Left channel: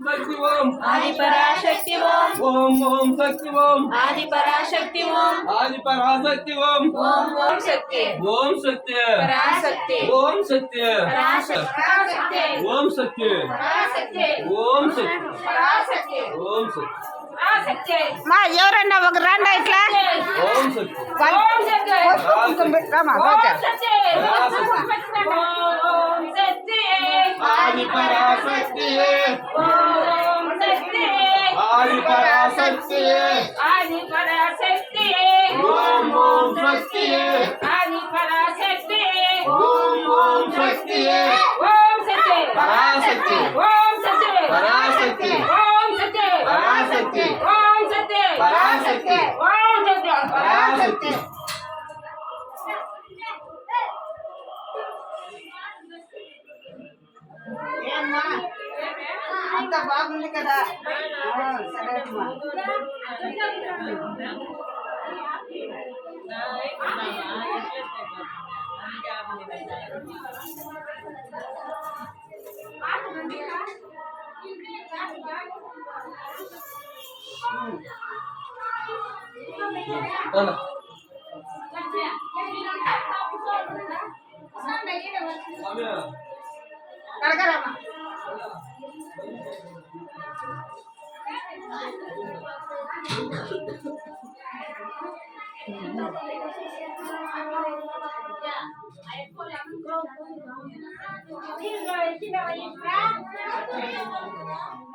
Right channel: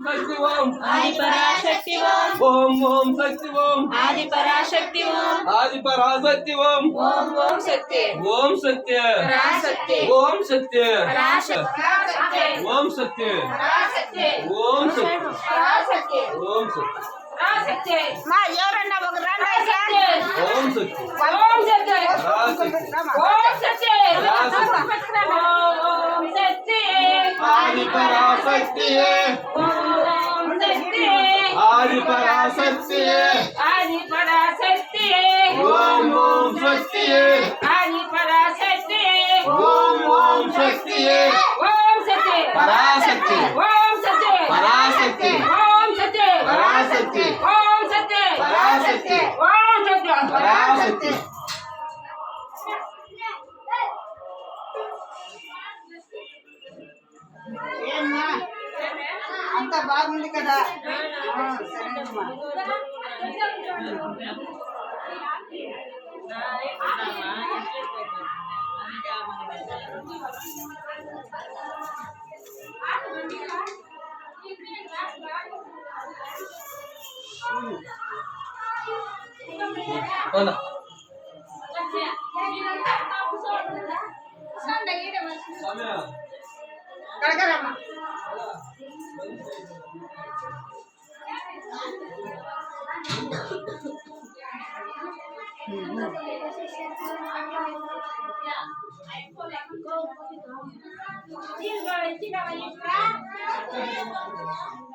शक्ति ओम आदि पराशक्ति ओम ओम ओम शक्ति ओम आदि पराशक्ति ओम आदि पराशक्ति ओम ओम सत्य ओम सत्य पराशक्ति ओम सत्य पराशक्ति ओम सत्य पराशक्ति ओम सत्य पराशक्ति ओम सत्य पराशक्ति మా ఎవరన్నా ఒక రండి ఇట్లా ओम सत्य ఓం సత్య पराशक्ति ఓం సత్య पराशक्ति ఓం సత్య आदि पराशक्ति ఓం సత్య आदि पराशक्ति ఆది పరాశక్తి ओम ओम शक्ति ఆది పరాశక్తి ओम ओम शक्ति ఓం సత్య पराशक्ति ఓం సత్య पराशक्ति ఓం సత్య पराशक्ति ఓం సత్య पराशक्ति ఓం సత్య पराशक्ति ఏమ్మా అంత బాగుంది కదా సరేమ్మా होना కడగరమ్మా Thank you.